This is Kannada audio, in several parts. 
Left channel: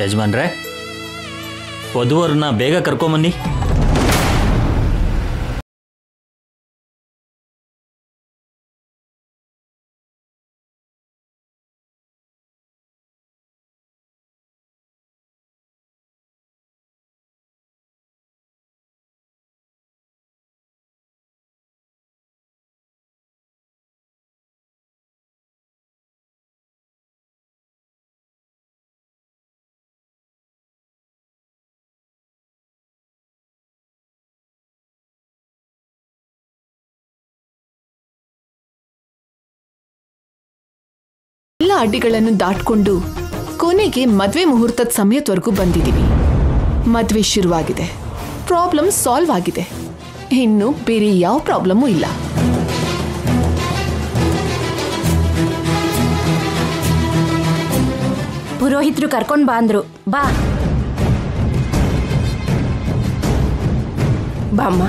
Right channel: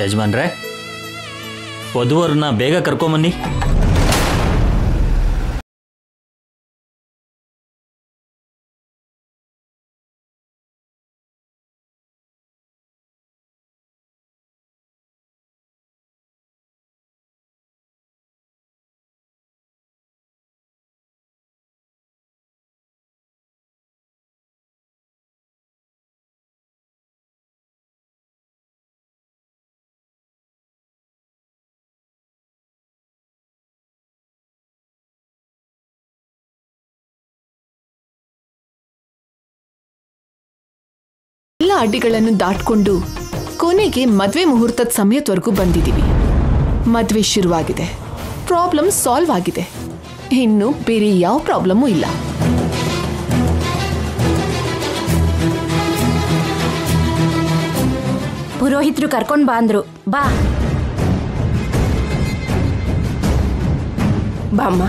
ಯಜಮಾನ್ರೆ, ವಧುವರನ್ನ ಬೇಗ ಕರ್ಕೊಂಬನ್ನಿ. ಎಲ್ಲ ಅಡ್ಡಿಗಳನ್ನು ದಾಟ್ಕೊಂಡು ಕೊನೆಗೆ ಮದ್ವೆ ಮುಹೂರ್ತದ ಸಮಯದವರೆಗೂ ಬಂದಿದ್ದೀವಿ. ಮದ್ವೆ ಶುರುವಾಗಿದೆ, ಪ್ರಾಬ್ಲಮ್ ಸಾಲ್ವ್ ಆಗಿದೆ. ಇನ್ನು ಬೇರೆ ಯಾವ ಪ್ರಾಬ್ಲಮ್ಮೂ ಇಲ್ಲ. ಪುರೋಹಿತರು ಕರ್ಕೊಂಡು ಬಾ ಅಂದ್ರು. ಬಾ ಬಾಮ್ಮ.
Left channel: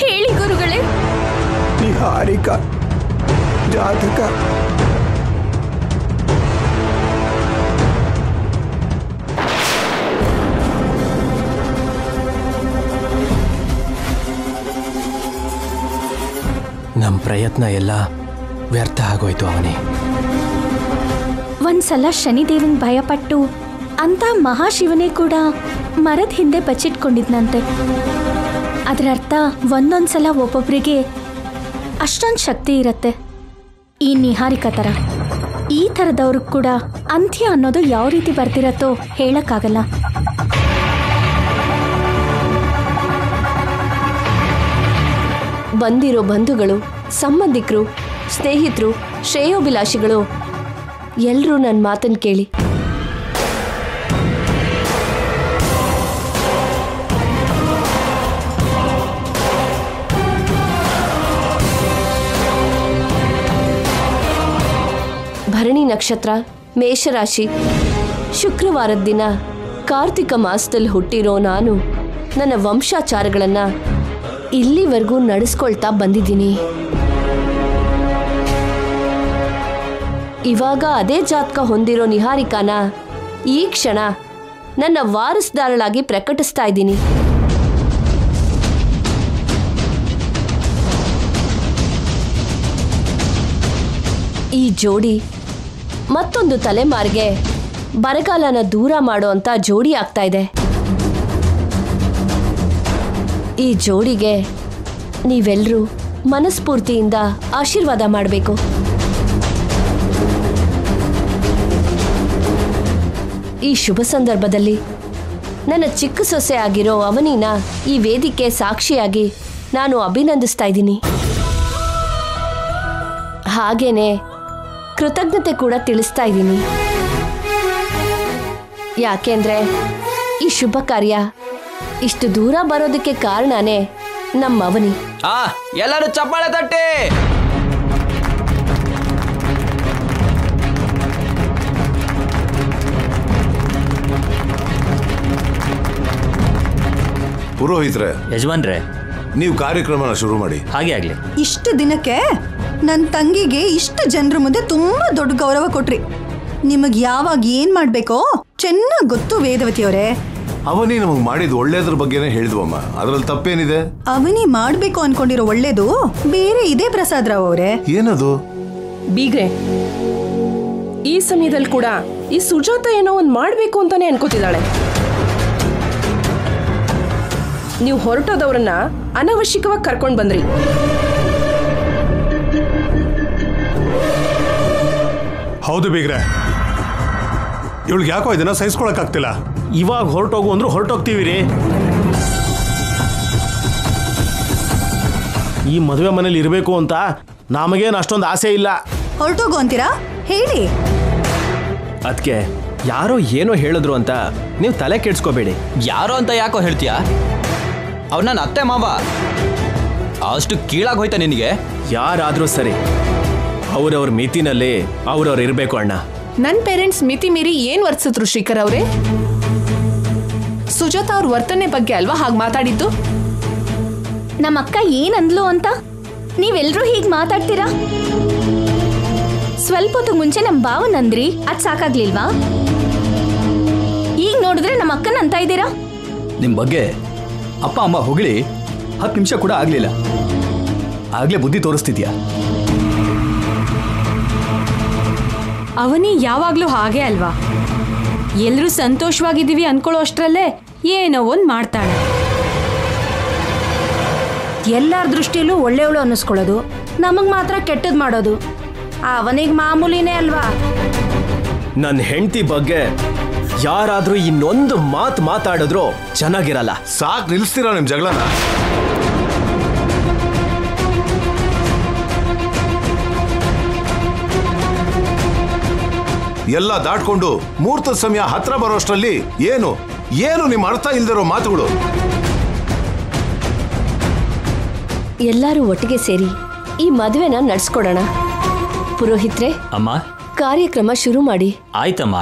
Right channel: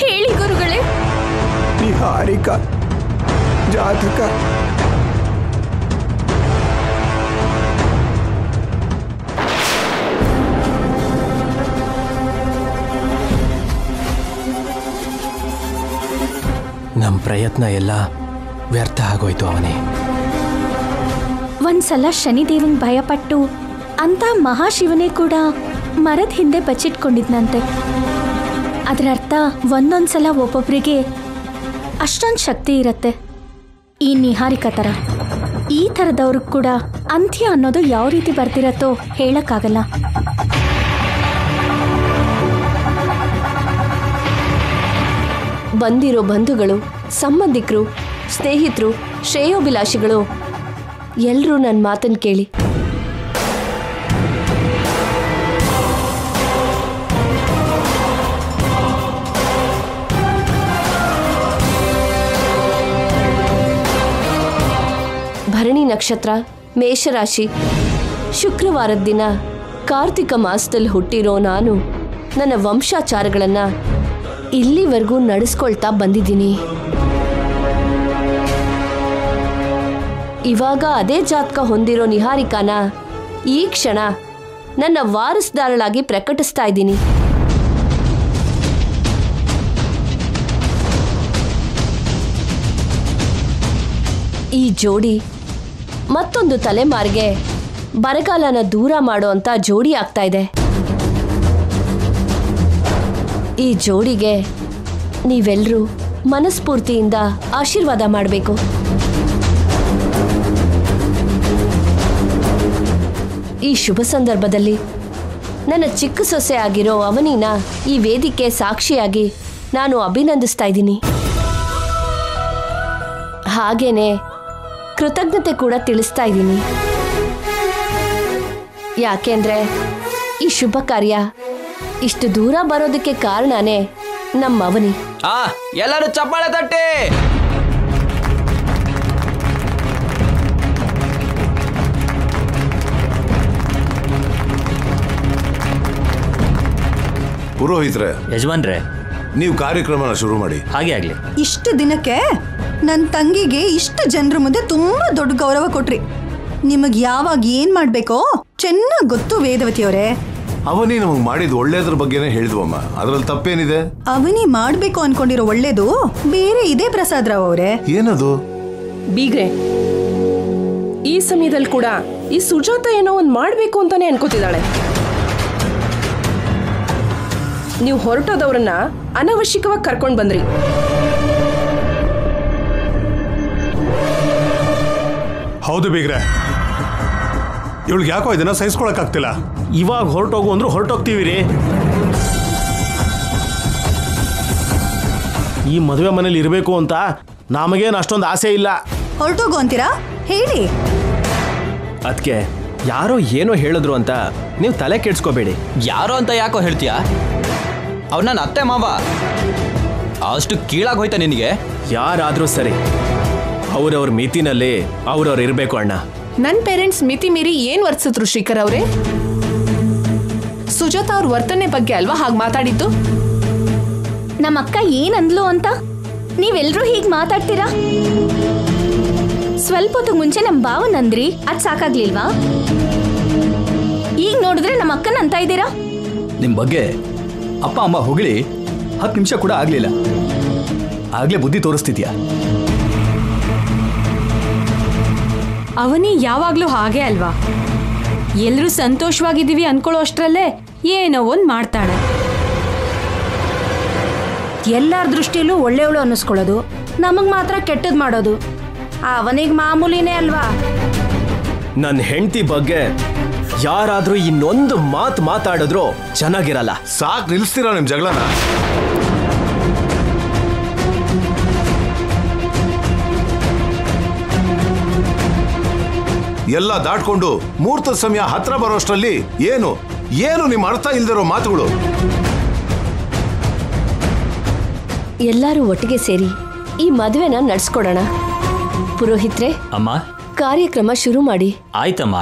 ಹೇಳಿ ಗುರುಗಳೇ. ನಿಹಾರಿಕಾ ಜಾತಕ ನಮ್ಮ ಪ್ರಯತ್ನ ಎಲ್ಲ ವ್ಯರ್ಥ ಆಗೋಯ್ತು. ಅವನೇ ಒಂದ್ಸಲ ಶನಿದೇವನ್ ಭಯಪಟ್ಟು ಅಂತ ಮಹಾಶಿವನೇ ಕೂಡ ಮರದ ಹಿಂದೆ ಬಚ್ಚಿಟ್ಕೊಂಡಿದ್ನಂತೆ. ಅದರ ಅರ್ಥ ಒಂದೊಂದ್ಸಲ ಒಬ್ಬೊಬ್ಬರಿಗೆ ಅಷ್ಟೊಂದು ಶಕ್ತಿ ಇರತ್ತೆ. ಈ ನಿಹಾರಿಕಾ ಥರ ಈ ಥರದವ್ರಿಗೆ ಕೂಡ ಅಂತ್ಯ ಅನ್ನೋದು ಯಾವ ರೀತಿ ಬರ್ತಿರತ್ತೋ ಹೇಳಕ್ಕಾಗಲ್ಲ. ಬಂದಿರೋ ಬಂಧುಗಳು, ಸಂಬಂಧಿಕರು, ಸ್ನೇಹಿತರು, ಶ್ರೇಯೋಭಿಲಾಷಿಗಳು ಎಲ್ಲರೂ ನನ್ನ ಮಾತನ್ನು ಕೇಳಿ. ಭರಣಿ ನಕ್ಷತ್ರ, ಮೇಷರಾಶಿ, ಶುಕ್ರವಾರದ ದಿನ ಕಾರ್ತಿಕ ಮಾಸದಲ್ಲಿ ಹುಟ್ಟಿರೋ ನಾನು ನನ್ನ ವಂಶಾಚಾರಗಳನ್ನು ಇಲ್ಲಿವರೆಗೂ ನಡೆಸ್ಕೊಳ್ತಾ ಬಂದಿದ್ದೀನಿ. ಇವಾಗ ಅದೇ ಜಾತಕ ಹೊಂದಿರೋ ನಿಹಾರಿಕಾನ ಈ ಕ್ಷಣ ನನ್ನ ವಾರಸ್ದಾರಳಾಗಿ ಪ್ರಕಟಿಸ್ತಾ ಇದ್ದೀನಿ. ಈ ಜೋಡಿ ಮತ್ತೊಂದು ತಲೆಮಾರಿಗೆ ಬರಗಾಲನ ದೂರ ಮಾಡೋ ಅಂತ ಜೋಡಿ ಆಗ್ತಾ ಇದೆ. ಈ ಜೋಡಿಗೆ ನೀವೆಲ್ಲರೂ ಮನಸ್ಫೂರ್ತಿಯಿಂದ ಆಶೀರ್ವಾದ ಮಾಡಬೇಕು. ಈ ಶುಭ ಸಂದರ್ಭದಲ್ಲಿ ನನ್ನ ಚಿಕ್ಕ ಸೊಸೆ ಆಗಿರೋ ಅವನಿನ ಈ ವೇದಿಕೆ ಸಾಕ್ಷಿಯಾಗಿ ನಾನು ಅಭಿನಂದಿಸ್ತಾ ಇದ್ದೀನಿ. ಹಾಗೇನೆ ಕೃತಜ್ಞತೆ ಕೂಡ ತಿಳಿಸ್ತಾ ಇದ್ದೀನಿ. ಯಾಕೆಂದ್ರೆ ಈ ಶುಭ ಕಾರ್ಯ ಇಷ್ಟು ದೂರ ಬರೋದಕ್ಕೆ ಕಾರಣನೇ ನಮ್ಮ ಅವನಿ. ಎಲ್ಲರೂ ಚಪ್ಪಾಳೆ ತಟ್ಟಿ. ಪುರೋಹಿತ್ರೆ, ಯಜಮಾನ್ರೆ, ನೀವು ಕಾರ್ಯಕ್ರಮನ ಶುರು ಮಾಡಿ. ಹಾಗೆ ಆಗ್ಲಿ. ಇಷ್ಟು ದಿನಕ್ಕೆ ನನ್ನ ತಂಗಿಗೆ ಇಷ್ಟು ಜನರ ಮುಂದೆ ತುಂಬಾ ದೊಡ್ಡ ಗೌರವ ಕೊಟ್ರಿ. ನಿಮಗೆ ಯಾವಾಗ ಏನ್ ಮಾಡ್ಬೇಕೋ ಚೆನ್ನಾಗಿ ಗೊತ್ತು ವೇದವತಿ ಅವರೇ. ಅವನಿ ನಮಗೆ ಮಾಡಿದ ಒಳ್ಳೇದ್ರ ಬಗ್ಗೆನೇ ಹೇಳಿದ್ವಮ್ಮ, ಅದ್ರಲ್ಲಿ ತಪ್ಪೇನಿದೆ? ಅವನಿ ಮಾಡ್ಬೇಕು ಅನ್ಕೊಂಡಿರೋ ಒಳ್ಳೇದು ಬೇರೆ ಇದೆ ಪ್ರಸಾದ್ ರಾವ್ ಅವರೇ. ಏನದು? ಬೀಗ್ರೆ, ಈ ಸಮಯದಲ್ಲಿ ಕೂಡ ಈ ಸುಜಾತ ಏನೋ ಒಂದು ಮಾಡ್ಬೇಕು ಅಂತಾನೆ ಅನ್ಕೋತಿದ್ದಾಳೆ. ನೀವು ಹೊರಟೋದವ್ರನ್ನ ಅನವಶ್ಯಕವಾಗಿ ಕರ್ಕೊಂಡು ಬಂದ್ರಿ. ಹೌದು ಬೀಗ್ರೆ, ಇವಳಿಗೆ ಯಾಕೋ ಇದನ್ನ ಸಹಿಸ್ಕೊಳಕ್ಕಾಗ್ತಿಲ್ಲ. ಇವಾಗ ಹೊರಟೋಗು ಅಂದ್ರೂ ಹೊರಟೋಗ್ತೀವಿ ರೀ. ಈ ಮದುವೆ ಮನೇಲಿ ಇರಬೇಕು ಅಂತ ನಮಗೇನು ಅಷ್ಟೊಂದು ಆಸೆ ಇಲ್ಲ. ಹೊರಟೋಗು ಅಂತೀರಾ? ಹೇಳಿ. ಅದಕ್ಕೆ ಯಾರೋ ಏನೋ ಹೇಳಿದ್ರು ಅಂತ ನೀವು ತಲೆ ಕೆಡ್ಸ್ಕೋಬೇಡಿ. ಯಾರೋ ಅಂತ ಯಾಕೋ ಹೇಳ್ತೀಯ? ಅವ್ರು ನನ್ನ ಅತ್ತೆ ಮಾವ, ಅಷ್ಟು ಕೀಳಾಗಿ ಹೋಯ್ತಾ ನಿನಗೆ? ಯಾರಾದರೂ ಸರಿ, ಅವ್ರವ್ರ ಮಿತಿನಲ್ಲಿ ಅವ್ರವ್ರು ಇರಬೇಕು ಅಣ್ಣ. ನನ್ನ ಪೇರೆಂಟ್ಸ್ ಮಿತಿ ಮೀರಿ ಏನ್ ವರ್ತಿಸಿದ್ರು ಶ್ರೀಕರ್ ಅವರೇ? ಸುಜಾತ ಅವ್ರ ವರ್ತನೆ ಬಗ್ಗೆ ಅಲ್ವಾ ಹಾಗೆ ಮಾತಾಡಿದ್ದು? ನಮ್ಮ ಅಕ್ಕ ಏನಂದ್ಲು ಅಂತ ನೀವೆಲ್ರೂ ಹೀಗೆ ಮಾತಾಡ್ತೀರಾ? ಸ್ವಲ್ಪ ಹೊತ್ತಿಗೆ ಮುಂಚೆ ನಮ್ಮ ಭಾವನಂದ್ರಿ, ಅದ್ ಸಾಕಾಗ್ಲಿಲ್ವಾ? ಈಗ ನೋಡಿದ್ರೆ ನಮ್ಮ ಅಕ್ಕನ ಅಂತ ಇದ್ದೀರಾ? ನಿಮ್ಮ ಬಗ್ಗೆ ಅಪ್ಪ ಅಮ್ಮ ಹೊಗಳಿ 10 ನಿಮಿಷ ಕೂಡ ಆಗ್ಲಿಲ್ಲ, ಆಗ್ಲೇ ಬುದ್ಧಿ ತೋರಿಸ್ತಿದ್ಯಾ? ಅವನಿ ಯಾವಾಗ್ಲೂ ಹಾಗೆ ಅಲ್ವಾ? ಎಲ್ರೂ ಸಂತೋಷವಾಗಿದ್ದೀವಿ ಅನ್ಕೊಳ್ಳೋ ಅಷ್ಟರಲ್ಲೇ ಏನೋ ಒಂದ್ ಮಾಡ್ತಾಳೆ. ಎಲ್ಲರ ದೃಷ್ಟಿಯಲ್ಲೂ ಒಳ್ಳೆಯವಳು ಅನ್ನಿಸ್ಕೊಳ್ಳೋದು, ನಮಗ್ ಮಾತ್ರ ಕೆಟ್ಟದ್ ಮಾಡೋದು ಅವನಿಗೆ ಮಾಮೂಲಿನೇ ಅಲ್ವಾ? ನನ್ನ ಹೆಂಡತಿ ಬಗ್ಗೆ ಯಾರಾದ್ರೂ ಇನ್ನೊಂದು ಮಾತು ಮಾತಾಡಿದ್ರು ಚೆನ್ನಾಗಿರಲ್ಲ. ಸಾಕ್, ನಿಲ್ಲಿಸ್ತೀರಾ ನಿಮ್ ಜಗಳನ? ಎಲ್ಲ ದಾಟ್ಕೊಂಡು ಮುಹೂರ್ತದ ಸಮಯ ಹತ್ರ ಬರೋಷ್ಟರಲ್ಲಿ ಏನು ಏನು ನಿಮ್ಮ ಅರ್ಥ ಇಲ್ದಿರೋ ಮಾತುಗಳು. ಎಲ್ಲರೂ ಒಟ್ಟಿಗೆ ಸೇರಿ ಈ ಮದುವೆನ ನಡ್ಸ್ಕೊಡೋಣ. ಪುರೋಹಿತ್ರೆ, ಅಮ್ಮ ಕಾರ್ಯಕ್ರಮ ಶುರು ಮಾಡಿ. ಆಯ್ತಮ್ಮ.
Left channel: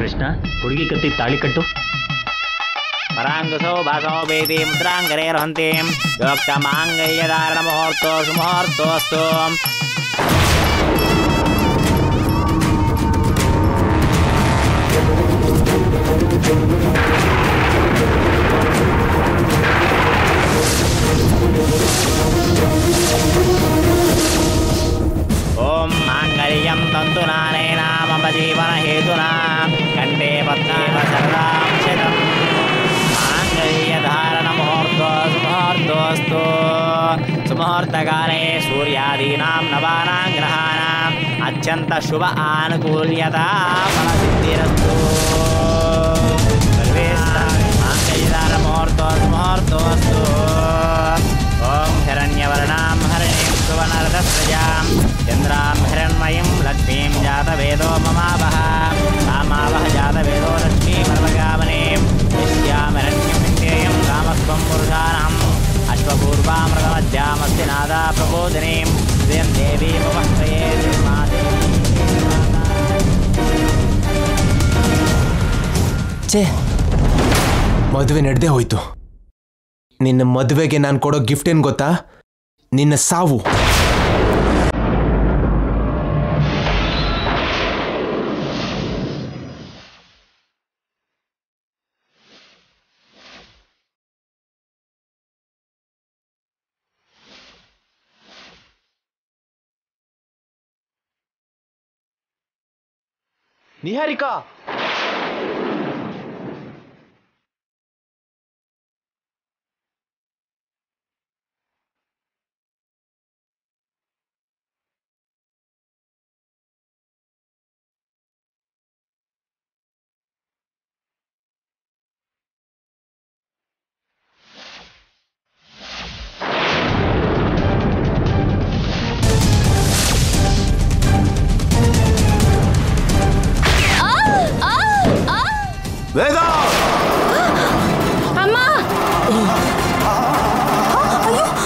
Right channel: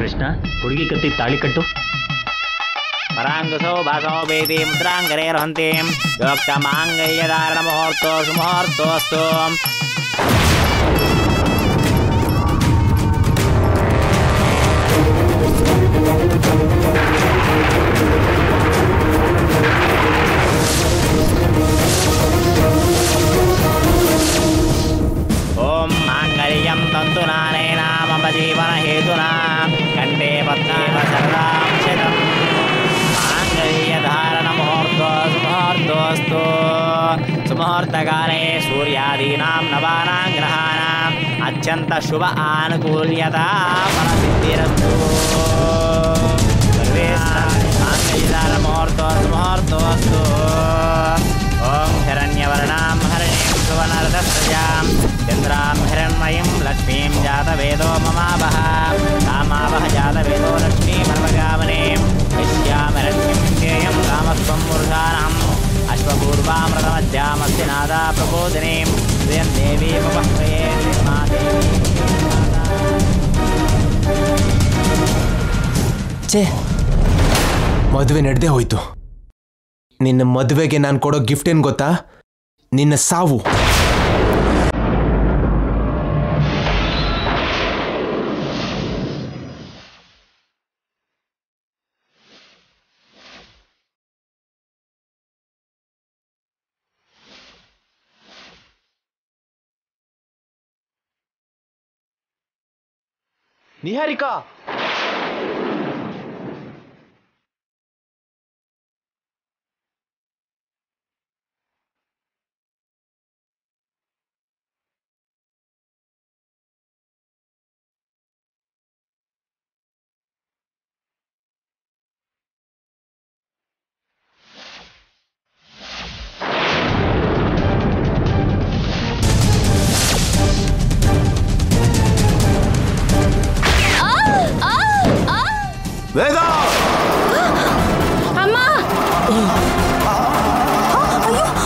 ಕೃಷ್ಣ, ಹುಡುಗಿ ಕತ್ತಿ ತಾಳಿ ಕಟ್ಟು. ಪರಾಂಗಸೋ ಭಾಸೋ ಬೇದಿ ಮುದ್ರಾಂಗರೇರ್ಹಂತಿ ಯೋಕ್ತ ಮಾಂಗಲ್ಯಧಾರಣ ಮುಹೂರ್ತೋ ಸುಮುಹೂರ್ತೋಸ್ತು. ಓಂ ಮಾಂಗಲ್ಯಂ ತಂತುನಾನೇನ ಮಮ ಜೀವನ ಹೇತುನಾ ಕಂಠೆ ಪದ್ಮೇವ ಶರದಾಂ ಶತಂ. ಮಾಂಗಲ್ಯಧಾರಣ ಮುಹೂರ್ತೋ ಸುಮುಹೂರ್ತೋಸ್ತು. ಸುಮುಹೂರ್ತಕಾಲೇ ಸೂರ್ಯಾದೀನಾಂ ನವಾನಾಂ ಗ್ರಹಾಣಾಂ ಅತ್ಯಂತ ಶುಭ ಆನುಕೂಲ್ಯತಾ ಫಲಸಿದ್ಧಿರಸ್ತು. ಸರ್ವೇ ಮಾಂಗಲ್ಯಧಾರಣ ಮುಹೂರ್ತೋ ಸುಮುಹೂರ್ತೋಸ್ತು. ಓಂ ಹಿರಣ್ಯವರ್ಣಾಂ ಹರಿಣೀಂ ಸುವರ್ಣರಥಸ್ರಜಾಂ ಚಂದ್ರಾಂ ಹಿರಣ್ಮಯೀಂ ಲಕ್ಷ್ಮೀಂ ಜಾತವೇದೋ ಮಮಾವಹ. ಕಾಮಾವಹ ಜಾತವೇದೋ ಲಕ್ಷ್ಮೀಮರ್ವಗಾಮನೀಂ ಯಸ್ಯಾಂ ಹಿರಣ್ಯಂ ವಿಂದೇಯಂ ಕಾಮಸ್ತ್ವಂ ಮೂರ್ಧಾನಹಂ अश्वपूर्वामृतमध्यामस्ति नादा प्रबोधिनीं श्रियं देवीमुपह्वये निर्मादेवी ಛೇ, ಮದುವೆ ನಡೆದೇ ಹೋಯ್ತು. ನಿನ್ನ ಮದುವೆಗೆ ನಾನು ಕೊಡೋ ಗಿಫ್ಟ್ ಏನು ಗೊತ್ತಾ? ನಿನ್ನ ಸಾವು. ನಿಹಾರಿಕಾ, ವೇದ, ಅಮ್ಮ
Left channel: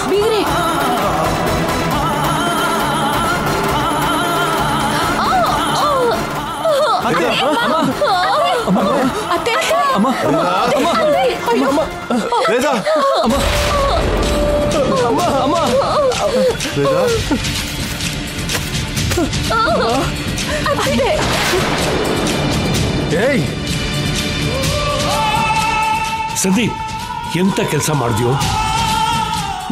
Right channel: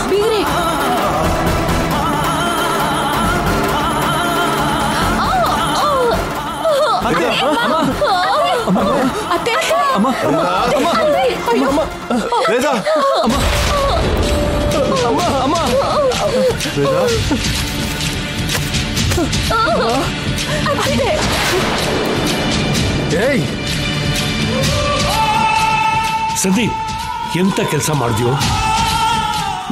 ಬೀಗ್ರೆ, ವೇದ, ಏಯ್ ಸಂದೀಪ್, ಎಂತ ಕೆಲಸ ಮಾಡಿದ್ಯೋ?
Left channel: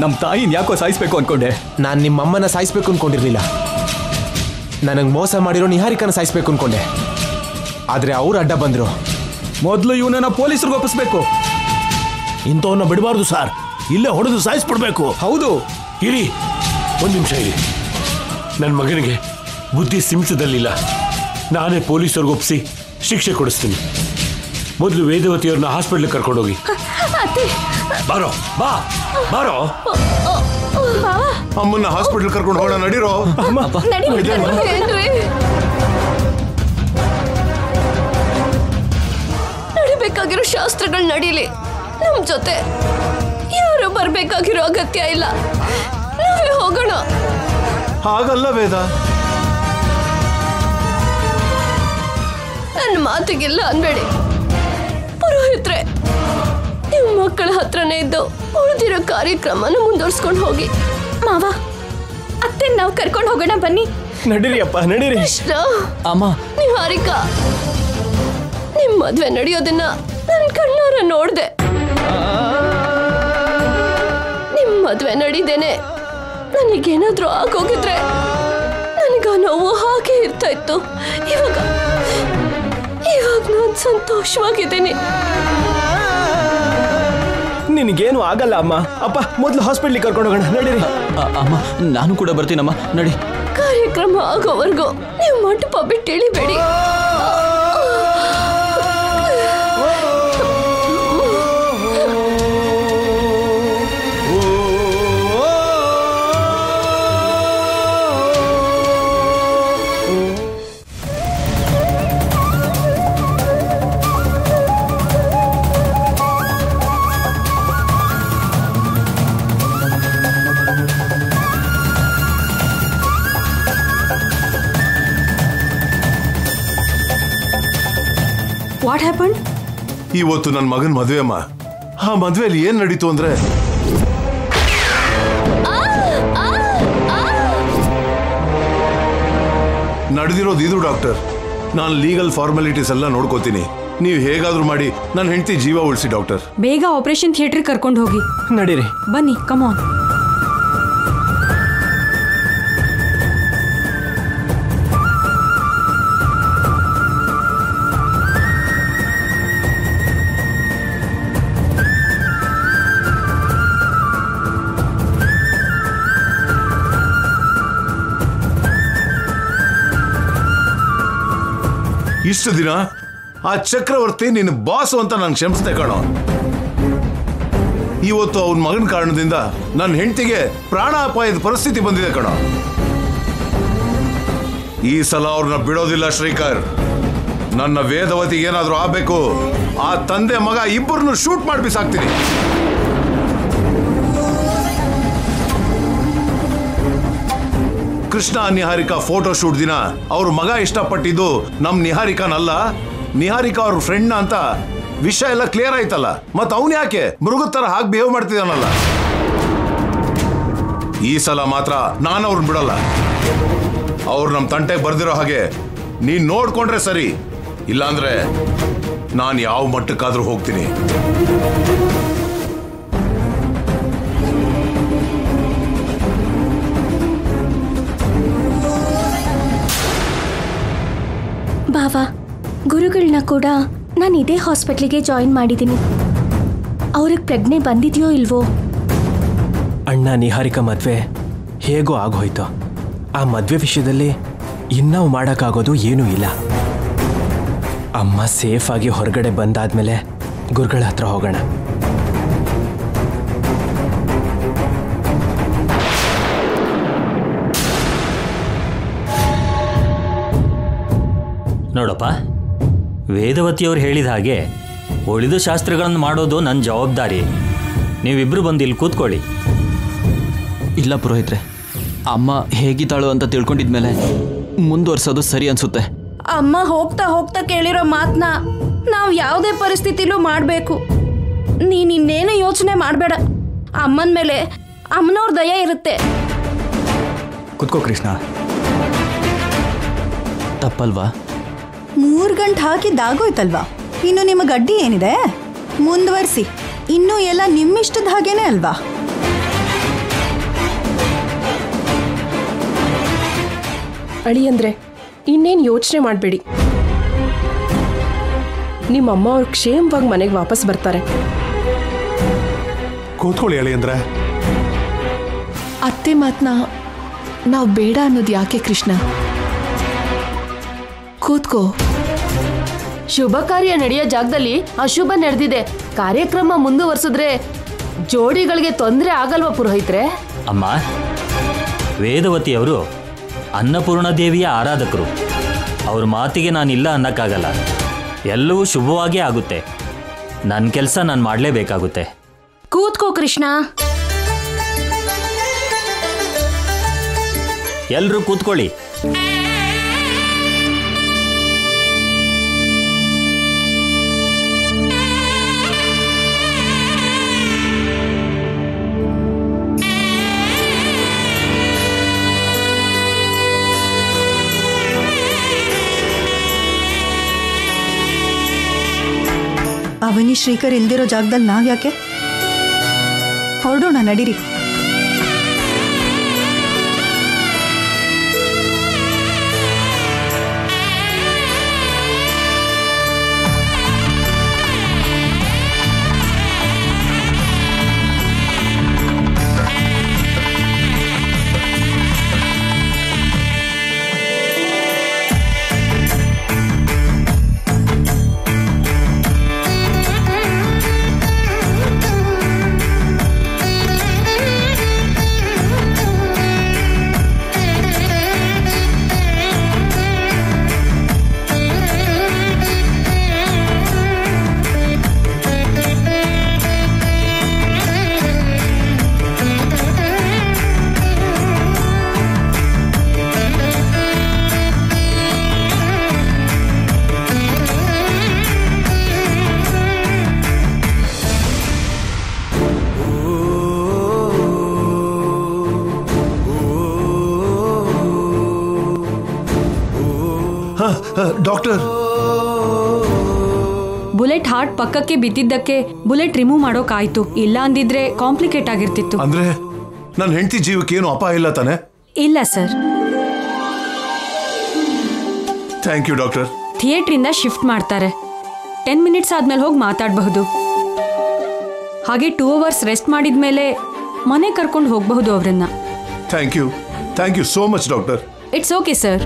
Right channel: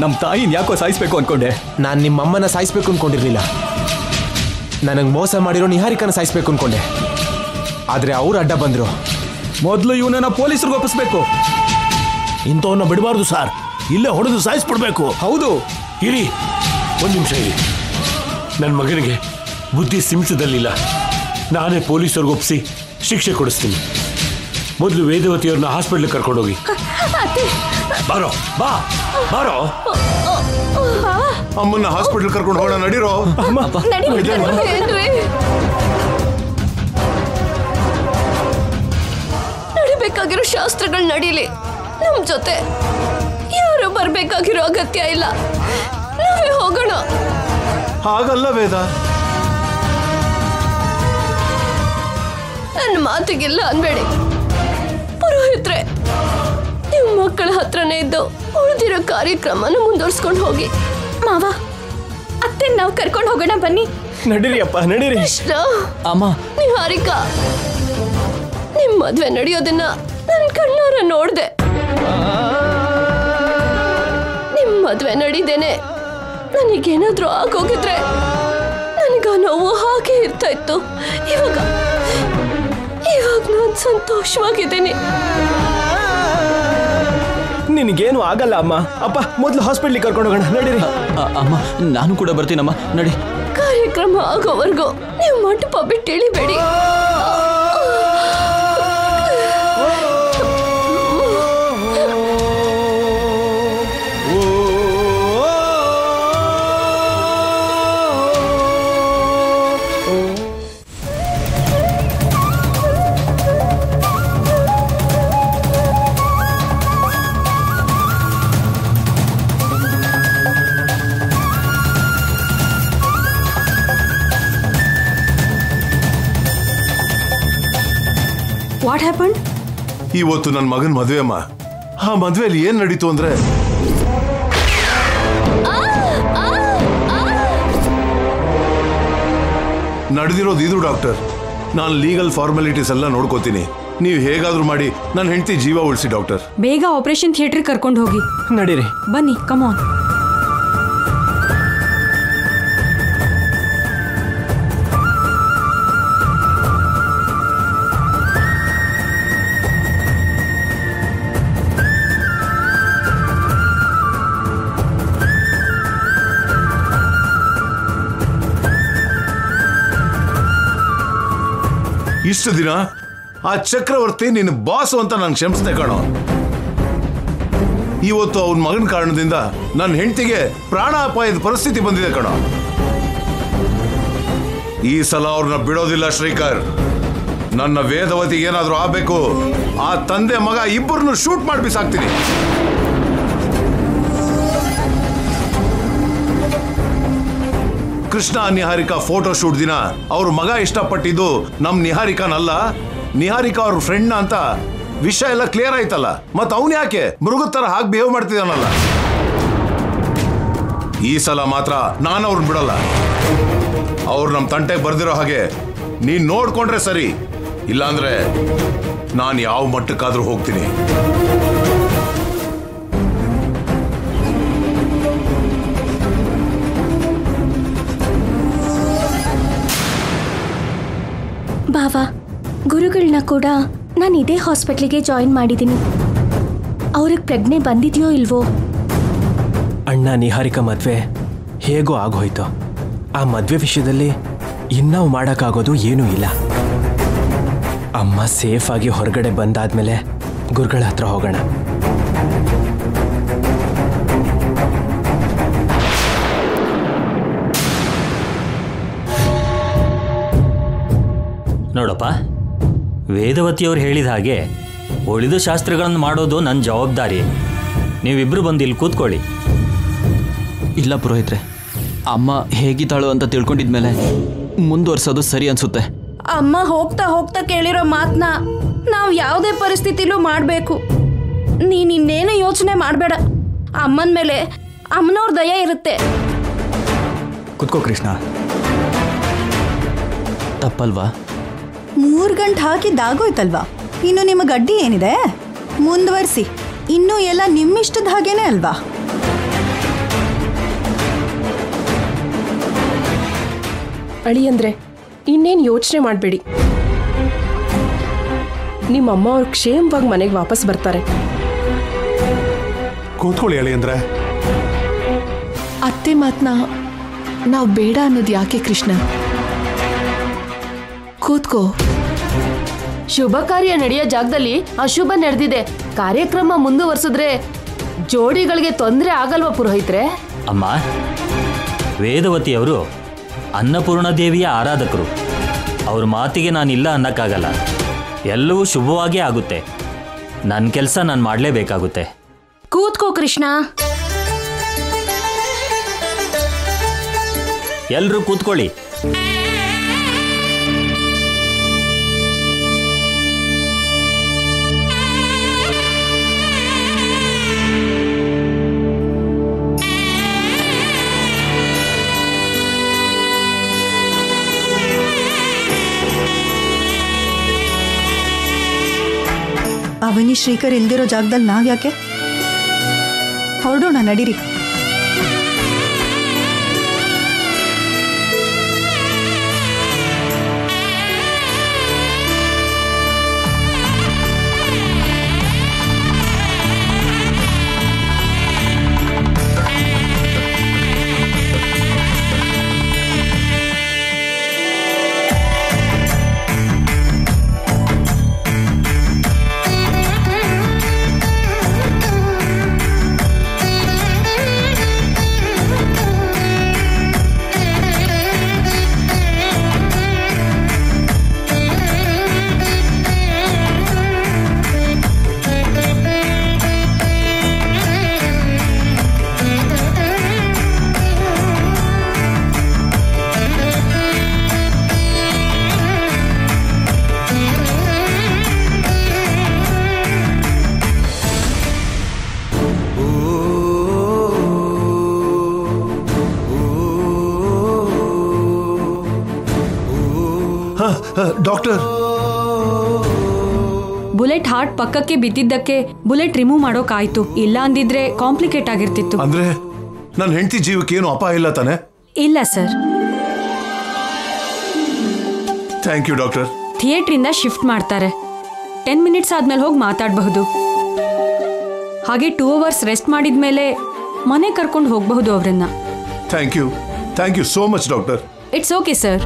ನಮ್ಮ ತಾಯಿನ ಯಾಕೋ ಸಾಯಿಸ್ಬೇಕು ಅನ್ಕೊಂಡೆ. ನಾನು ನಿಮ್ಮಮ್ಮನ ಸಾಯಿಸ್ಬೇಕು ಅನ್ಕೊಂಡಿರ್ಲಿಲ್ಲ. ನನಗೆ ಮೋಸ ಮಾಡಿರೋ ನಿಹಾರಿಕನ ಸಾಯಿಸ್ಬೇಕು ಅನ್ಕೊಂಡೆ. ಆದರೆ ಅವ್ರು ಅಡ್ಡ ಬಂದರು. ಮೊದಲು ಇವನನ್ನ ಪೊಲೀಸರಿಗೆ ಒಪ್ಪಿಸ್ಬೇಕು. ಇಂಥವನ್ನ ಬಿಡಬಾರ್ದು ಸರ್, ಇಲ್ಲೇ ಹೊಡೆದು ಸಾಯಿಸ್ಬಿಡ್ಬೇಕು. ಹೌದು. ಇರಿ, ಒಂದು ನಿಮಿಷ ಇರಿ. ನನ್ನ ಮಗನಿಗೆ ಬುದ್ಧಿ ಸಿಮಿಸದಲ್ಲಿಲ್ಲ. ನಾನೇ ಪೊಲೀಸರಿಗೆ ಒಪ್ಪಿಸಿ ಶಿಕ್ಷೆ ಕೊಡಿಸ್ತೀನಿ. ಮೊದಲು ವೇದವತಿಯವ್ರನ್ನ ಹಾಸ್ಪಿಟ್ಲಿಗೆ ಕರ್ಕೊಂಡೋಗಿ. ಬಾರೋ, ಬಾರೋ. ಅಮ್ಮನ್ನ ಹಾಸ್ಪಿಟಲ್ ಕರ್ಕೊಂಡು ಹೋಗೋಣ, ನಡೀರೋ. ನಡಿಬೇಕಾಗಿರೋ ಶಾಸ್ತ್ರಗಳು ನಡೀಲಿ. ನಮ್ ಜೊತೆ ಯಾರು ಬರ್ಬೇಕಾಗಿರೋ ಅಗತ್ಯ ಇಲ್ಲ. ನಾವೇ ಹೋಗೋಣ. ಹಾಗಲ್ಲ ವೇದ, ನನ್ನ ಮಾತಿಗಿಲ್ಲ ಅನ್ಬೇಡಿ. ಪುರೋಹಿತ್ರೆ, ನಿಮ್ಮ ಮಕ್ಕಳ ಹತ್ರನೇ ಇದ್ದು ಉಳಿದಿರೋ ಕಾರ್ಯಕ್ರಮನ ಮುಂದುವರ್ಸ್ಕೊಂಡು ಹೋಗಿ. ಮಾವ, ಅತ್ತೆ ನಾವು ಕರ್ಕೊಂಡು ಹೋಗೋಣ ಬನ್ನಿ. ನಡೀರಿ ಅಪ್ಪ, ನಡೀರಿ. ಕೃಷ್ಣ, ಅಮ್ಮ, ನಿಹಾರಿಕಾ, ನಿಮ್ ಮದ್ವೆ ನಡೆಯೋದನ್ನ ನನ್ ಕಣ್ಣಾರ ನೋಡ್ದೆ. ನಿಮ್ ಮದ್ವೆ ನಡೀದೇನೆ ನನಗೇನಾದ್ರೂ ಆಗೋಗಿದ್ರೆ ನನಗ ನೋವು ಹಾಗೆ ಇರ್ತಾ ಇತ್ತು. ಇವಾಗ ನಾನು ಸಂತೋಷವಾಗಿದ್ದೀನಿ. ನಿನಗೇನು ಆಗಲ್ಲ ಅಮ್ಮ. ಅಪ್ಪ, ಮೊದಲು ಹಾಸ್ಪಿಟ್ಲಿಗೆ ಕರ್ಕೊಂಡು ಹೋಗೋಣ, ನಡೀರಿ. ಅಮ್ಮ, ನಾನು ಕೂಡ ಬರ್ತೀನಮ್ಮ, ನಡಿ. ಕಾರ್ಯಕ್ರಮ ಆಗೋವರೆಗೂ ನೀವು ಮಂಟಪ ಬಿಟ್ಟು ಇಳಿಬೇಡಿ. What happen? ಇವತ್ತು ನನ್ನ ಮಗನ ಮದುವೆ ಅಮ್ಮ. ಆ ಮದುವೆಯಲ್ಲಿ ಏನ್ ನಡೀತು ಅಂದ್ರೆ, ನಡೆದಿರೋದು ಇದು ಡಾಕ್ಟರ್. ನಾನು ಲೀಗಲ್ ಫಾರ್ಮಾಲಿಟೀಸ್ ಎಲ್ಲ ನೋಡ್ಕೋತೀನಿ. ನೀವು ಹೇಗಾದ್ರೂ ಮಾಡಿ ನನ್ನ ಹೆಂಡತಿ ಜೀವ ಉಳಿಸಿ ಡಾಕ್ಟರ್. ಬೇಗ ಆಪರೇಷನ್ ಥಿಯೇಟರ್ ಕರ್ಕೊಂಡು ಹೋಗಿ. ನಡೀರಿ, ಬನ್ನಿ, ಕಮಾನ್. ಇಷ್ಟು ದಿನ ಆ ಚಕ್ರವರ್ತಿ ನಿನ್ನ ಬಾಸು ಅಂತ ನಾನು ಕ್ಷಮಿಸ್ದೆ ಕಣೋ. ಇವತ್ತು ಅವನ ಮಗನ ಕಾರಣದಿಂದ ನನ್ನ ಹೆಂಡತಿಗೆ ಪ್ರಾಣಾಪಾಯದ ಪರಿಸ್ಥಿತಿ ಬಂದಿದೆ ಕಣೋ. ಈ ಸಲ ಅವ್ರನ್ನ ಬಿಡೋದಿಲ್ಲ ಶ್ರೀಕರ್. ನನ್ನ ವೇದವತಿಗೆ ಏನಾದ್ರೂ ಆಗ್ಬೇಕು, ಆ ತಂದೆ ಮಗ ಇಬ್ಬರನ್ನು ಶೂಟ್ ಮಾಡಿ ಬಿಸಾಕ್ತೀನಿ. ಕೃಷ್ಣ ನಿಹಾರಿಕಾ ಫೋಟೋ ಶೂಟ್ ದಿನ ಅವ್ರ ಮಗ ಇಷ್ಟಪಟ್ಟಿದ್ದು ನಮ್ ನಿಹಾರಿಕಾನಲ್ಲ, ನಿಹಾರಿಕಾ ಅವ್ರ ಫ್ರೆಂಡ್ ಅಂತ ವಿಷಯ ಎಲ್ಲ ಕ್ಲಿಯರ್ ಆಯ್ತಲ್ಲ. ಮತ್ ಅವನ್ ಯಾಕೆ ಮೃಗದ ತರ ಹಾಗೆ ಬಿಹೇವ್ ಮಾಡ್ತಿದ್ದಾನಲ್ಲ? ಈ ಸಲ ಮಾತ್ರ ನಾನು ಅವ್ರನ್ನ ಬಿಡಲ್ಲ. ಅವ್ರು ನಮ್ ತಂಟೆಗೆ ಬರ್ದಿರೋ ಹಾಗೆ ನೀನ್ ನೋಡ್ಕೊಂಡ್ರೆ ಸರಿ, ಇಲ್ಲಾಂದ್ರೆ ನಾನು ಯಾವ ಮಟ್ಟಕ್ಕಾದ್ರೂ ಹೋಗ್ತೀನಿ. ಬಾವಾ, ಗುರುಗಳನ್ನ ಕೂಡ ನಾನು ಇದೇ ಹಾಸ್ಪಿಟ್ಲಿಗೆ ಜಾಯಿನ್ ಮಾಡಿದ್ದೀನಿ. ಅವ್ರಿಗೆ ಪ್ರಜ್ಞೆ ಬಂದಿದೆಯೋ ಇಲ್ವೋ? ಅಣ್ಣ ನಿಹಾರಿಕಾ ಮದುವೆ ಹೇಗೋ ಆಗೋಯ್ತು. ಆ ಮದುವೆ ವಿಷಯದಲ್ಲಿ ಇನ್ನಾವು ಮಾಡೋಕ್ಕಾಗೋದು ಏನೂ ಇಲ್ಲ. ಅಮ್ಮ ಸೇಫಾಗಿ ಹೊರಗಡೆ ಬಂದಾದ್ಮೇಲೆ ಗುರುಗಳ ಹತ್ರ ಹೋಗೋಣ. ನೋಡಪ್ಪ, ವೇದವತಿಯವರು ಹೇಳಿದ ಹಾಗೆ ಉಳಿದ ಶಾಸ್ತ್ರಗಳನ್ನು ಮಾಡೋದು ನನ್ನ ಜವಾಬ್ದಾರಿ. ನೀವಿಬ್ಬರು ಬಂದು ಇಲ್ಲಿ ಕೂತ್ಕೊಳ್ಳಿ. ಇಲ್ಲ ಪುರೋಹಿತ್ರೆ, ಅಮ್ಮ ಹೇಗಿದ್ದಾಳು ಅಂತ ತಿಳ್ಕೊಂಡಿದ್ಮೇಲೆ ಮುಂದುವರ್ಸೋದು ಸರಿ ಅನ್ಸುತ್ತೆ. ಅಮ್ಮ ಹೋಗ್ತಾ ಹೋಗ್ತಾ ಕೇಳಿರೋ ಮಾತನ್ನ ನಾವು ಯಾವುದೇ ಪರಿಸ್ಥಿತಿಲೂ ಮಾಡಬೇಕು. ನೀನು ಇನ್ನೇನು ಯೋಚನೆ ಮಾಡಬೇಡ. ಅಮ್ಮನ ಮೇಲೆ ಅಮ್ಮನವ್ರ ದಯ ಇರುತ್ತೆ. ಕುತ್ಕೋ ಕೃಷ್ಣ. ತಪ್ಪಲ್ವಾ? 3 ಗಂಟೆ ಹಾಕಿದ್ದಾಗೋಯ್ತಲ್ವಾ? ಇನ್ನು ನಿಮಗೆ ಅಡ್ಡಿ ಏನಿದೆ? ಮುಂದುವರಿಸಿ. ಇನ್ನೂ ಎಲ್ಲ ನಿಮ್ಮಿಷ್ಟದ ಹಾಗೇನೆ ಅಲ್ವಾ? ಅಳಿಯಂದ್ರೆ ಇನ್ನೇನು ಯೋಚನೆ ಮಾಡಬೇಡಿ. ನಿಮ್ಮಮ್ಮ ಅವ್ರು ಕ್ಷೇಮವಾಗಿ ಮನೆಗೆ ವಾಪಸ್ ಬರ್ತಾರೆ. ಕೂತ್ಕೊಳ್ಳಿ ಅಳಿಯಂದ್ರೆ. ಅತ್ತೆ ಮಾತನ್ನ ನಾವು ಬೇಡ ಅನ್ನೋದು ಯಾಕೆ ಕೃಷ್ಣ? ಕೂತ್ಕೋ. ಶುಭ ಕಾರ್ಯ ನಡೆಯೋ ಜಾಗದಲ್ಲಿ ಅಶುಭ ನಡೆದಿದೆ. ಕಾರ್ಯಕ್ರಮ ಮುಂದುವರ್ಸಿದ್ರೆ ಜೋಡಿಗಳಿಗೆ ತೊಂದರೆ ಆಗಲ್ವಾ ಪುರೋಹಿತ್ರೆ? ಅಮ್ಮ, ವೇದವತಿಯವರು ಅನ್ನಪೂರ್ಣ ದೇವಿಯ ಆರಾಧಕರು. ಅವ್ರ ಮಾತಿಗೆ ನಾನಿಲ್ಲ ಅನ್ನಕ್ಕಾಗಲ್ಲ. ಎಲ್ಲವೂ ಶುಭವಾಗೇ ಆಗುತ್ತೆ. ನನ್ನ ಕೆಲಸ ನಾನು ಮಾಡಲೇಬೇಕಾಗುತ್ತೆ. ಕೂತ್ಕೋ ಕೃಷ್ಣ. ಎಲ್ಲರೂ ಕೂತ್ಕೊಳ್ಳಿ. ಅವನಿ ಶ್ರೀಕರ್ ಇಲ್ದಿರೋ ಜಾಗದಲ್ಲಿ ನಾವ್ಯಾಕೆ? ಹೊರಡೋಣ, ನಡೀರಿ. ಡಾಕ್ಟರ್, ಬುಲೆಟ್ ಹಾರ್ಟ್ ಪಕ್ಕಕ್ಕೆ ಬಿದ್ದಿದ್ದಕ್ಕೆ ಬುಲೆಟ್ ರಿಮೂವ್ ಮಾಡೋಕಾಯ್ತು. ಇಲ್ಲ ಅಂದಿದ್ರೆ ಕಾಂಪ್ಲಿಕೇಟ್ ಆಗಿರ್ತಿತ್ತು. ಅಂದ್ರೆ ನನ್ನ ಹೆಂಡತಿ ಜೀವಕ್ಕೆ ಏನು ಅಪಾಯ ಇಲ್ಲ ತಾನೆ? ಇಲ್ಲ ಸರ್. Thank you doctor. ಥಿಯೇಟ್ರಿಂದ ಶಿಫ್ಟ್ ಮಾಡ್ತಾರೆ. 10 ಮಿನಿಟ್ಸ್ ಆದ್ಮೇಲೆ ಹೋಗಿ ಮಾತಾಡಬಹುದು. ಹಾಗೆ 2 ಅವರ್ಸ್ ರೆಸ್ಟ್ ಮಾಡಿದ್ಮೇಲೆ ಮನೆ ಕರ್ಕೊಂಡು ಹೋಗಬಹುದು ಅವರನ್ನ. Thank you so much doctor. It's okay sir.